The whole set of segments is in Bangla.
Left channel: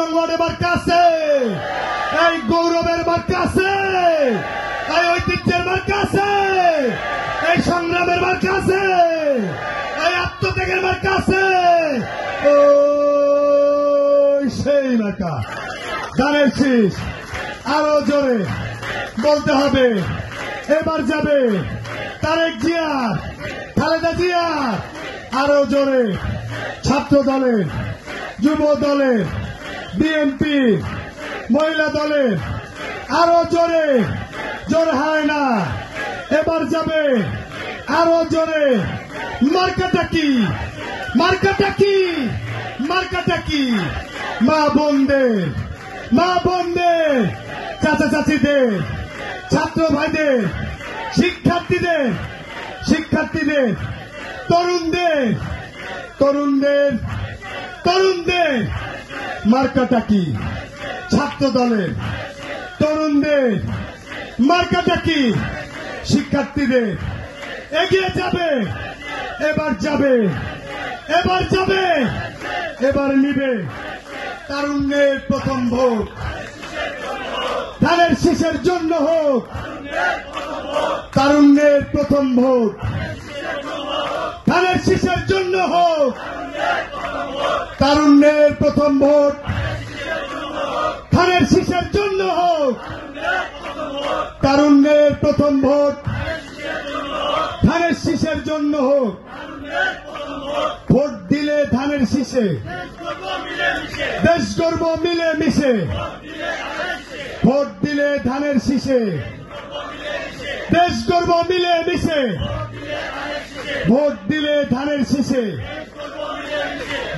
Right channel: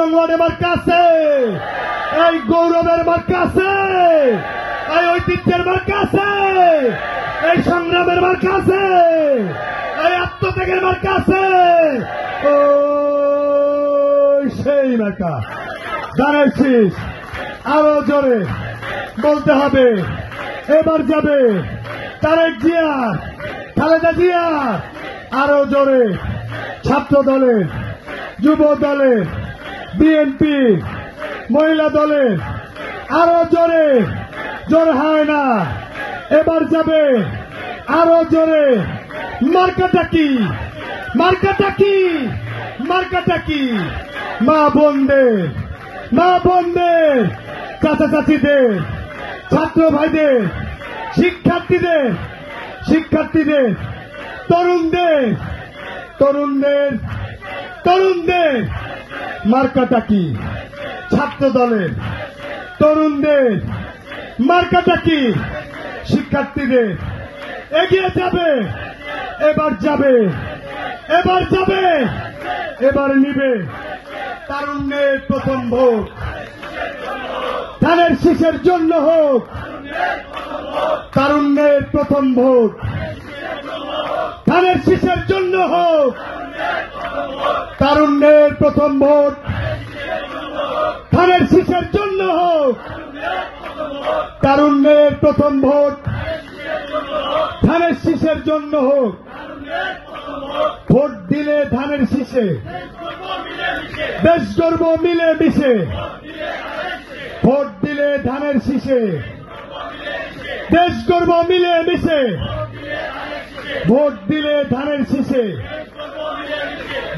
নং ওয়ার্ডে মার্কা আছে, এই গৌরবের মার্কা আছে, এই ঐতিহ্যের মার্কা আছে, এই সংগ্রামের মার্কা আছে, এই আত্মত্যাগের মার্কা আছে, ও সেই মার্কা। ধানের শীষ আরো জোরে বলতে হবে, এবার যাবে তারেক জিয়া, খালেদা জিয়া। আরো জোরে ছাত্র দলের, যুব দলের, বিএনপি, মহিলা দলের আরো জোরে, জোর হয় না, এবার যাবে আরো জোরে। মার্কাটা কি, মার্কাটা কি, মার্কাটা কি? মা বোনদের, মা বোনদের, চাচা চাচিদের, ছাত্র ভাইদের, শিক্ষার্থীদের, শিক্ষার্থীদের, তরুণদের, তরুণদের, তরুণদের মার্কাটা কি? ছাত্র দলের, তরুণদের মার্কাটা কি? শিক্ষার্থীদের। এগিয়ে যাবে, এবার যাবে, এবার যাবে, এবার নিবে তারুণ্যের প্রথম ভোট। ধানের শীষের জন্য হোক তারুণ্যের প্রথম ভোট, ধানের শীষের জন্য হোক তারুণ্যের প্রথম ভোট, ধানের শীষের জন্য হোক তারুণ্যের প্রথম ভোট, ধানের শীষের জন্য হোক। ভোট দিলে ধানের শীষে দেশ গর্ব মিলে মিশে, ভোট দিলে ধানের শীষে দেশ গর্ব মিলে মিশে, ভোট দিলে ধানের শীষে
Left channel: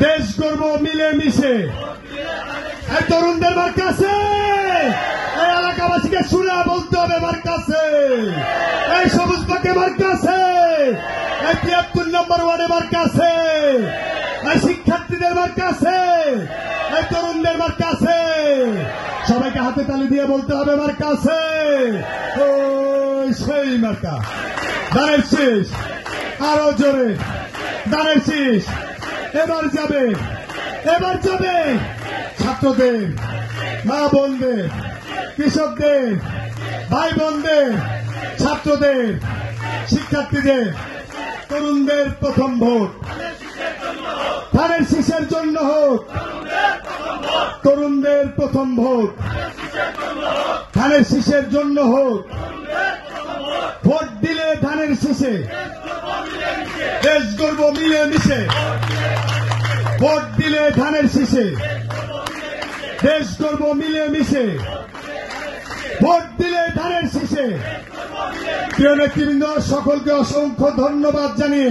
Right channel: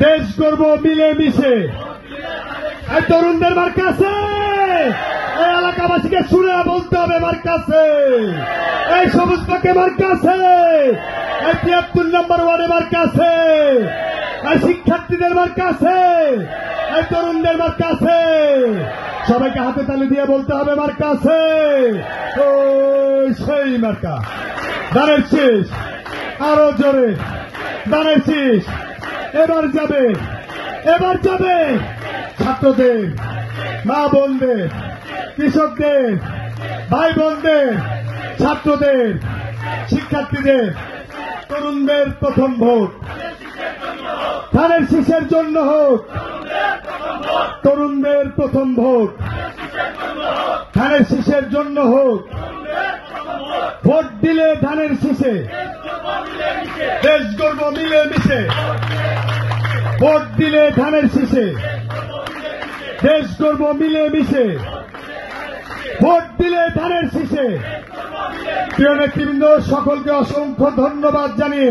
দেশ গর্ব মিলে মিশে। এই তরুণদের মার্কা আছে, এই এলাকাবাসীকে শুনে বলতে হবে মার্কা আছে, এই সবুজ পাকে মার্কা আছে, এই ৭৩ নম্বর ওয়ার্ডে মার্কা আছে, এই শিক্ষার্থীদের মার্কা আছে, এই তরুণদের মার্কা আছে। সবাইকে হাতে তালি দিয়ে বলতে হবে মার্কা আছে, ও সেই মার্কা। ধানের শীষ আরো জোরে, ধানের শীষ এবার যাবে, এবার যাবে ছাত্রদের, মা বোনদের, কৃষকদের, ভাই বোনদের, ছাত্রদের, শিক্ষার্থীদের, তরুণদের প্রথম ভোট। ধানের শীষের জন্য হোক তরুণদের প্রথম ভোট, ধানের শীষের জন্য হোক। ভোট দিলে ধানের শীষে দেশ গর্ব মিলে মিশে, ভোট দিলে ধানের শীষে দেশ গর্ব মিলে মিশে, ভোট দিলে ধানের শীষে। প্রিয় নেতৃবৃন্দ, সকলকে অসংখ্য ধন্যবাদ জানিয়ে